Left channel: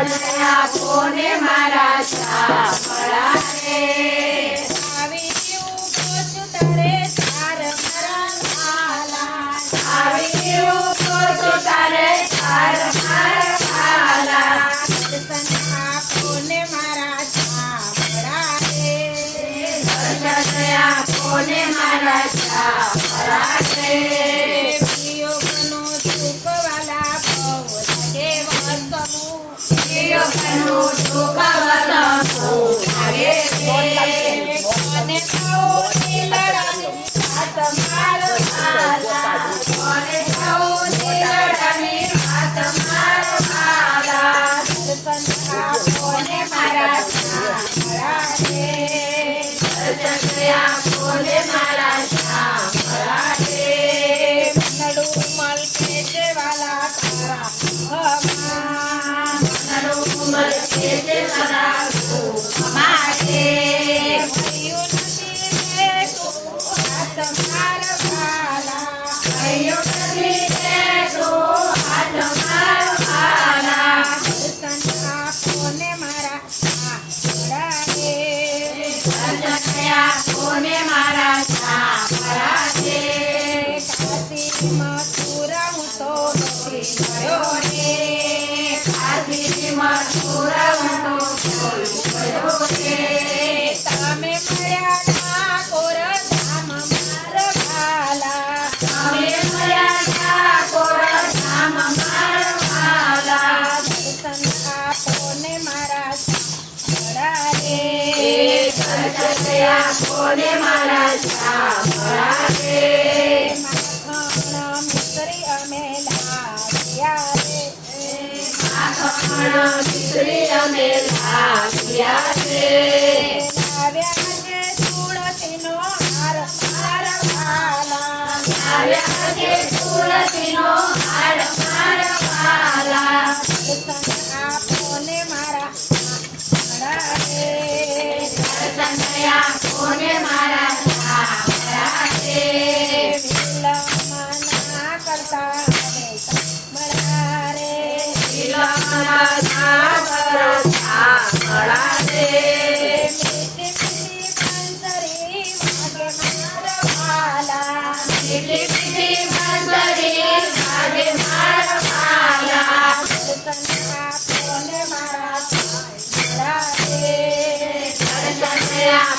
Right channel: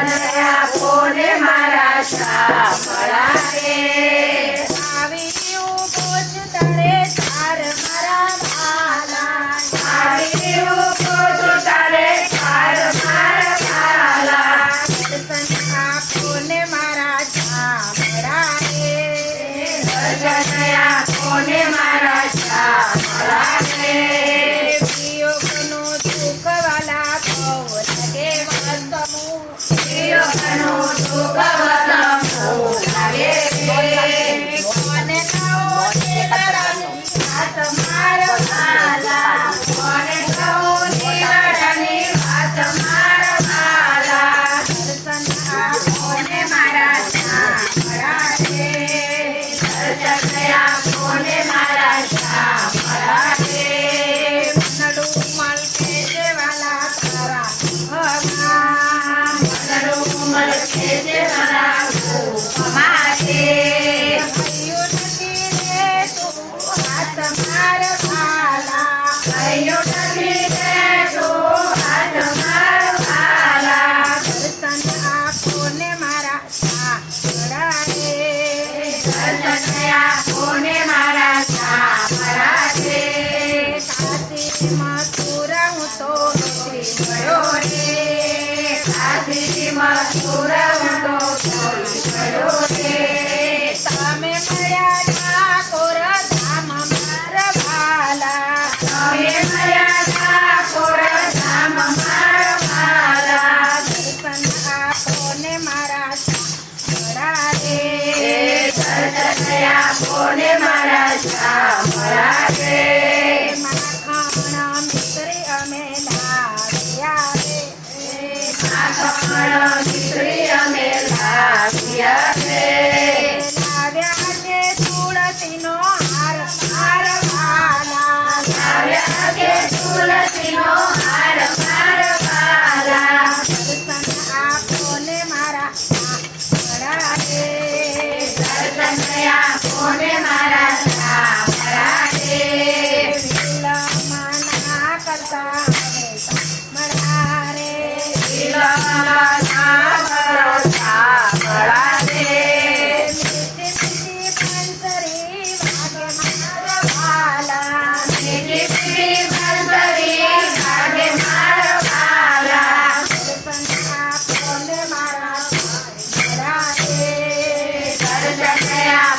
અને આપોને મારા સાંભળા રે આવી ઉપોચ તળે તાર મારા વાલા આવી ઉપોચ તળે તાર મારા વાલા દર્શન આપોને મારા સાંભળા રે દર્શન આપોને મારા સાંભળા રે Gracias. મથુરા હું તો ગયો રે ખાતી મથુરા દયા કોને મારા શા અમે લાગ્યા રે માખણ મિત્રી અમે લાગ્યા તુલસીનો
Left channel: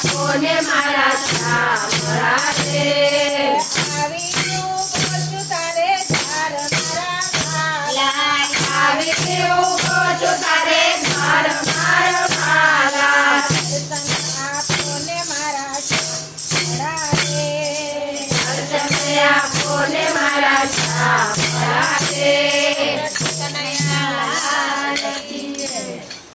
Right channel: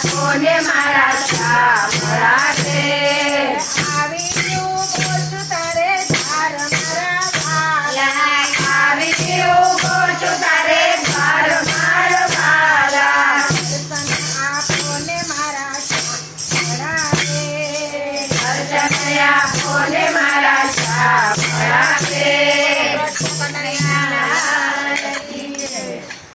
કોને મારા સા મરાઠે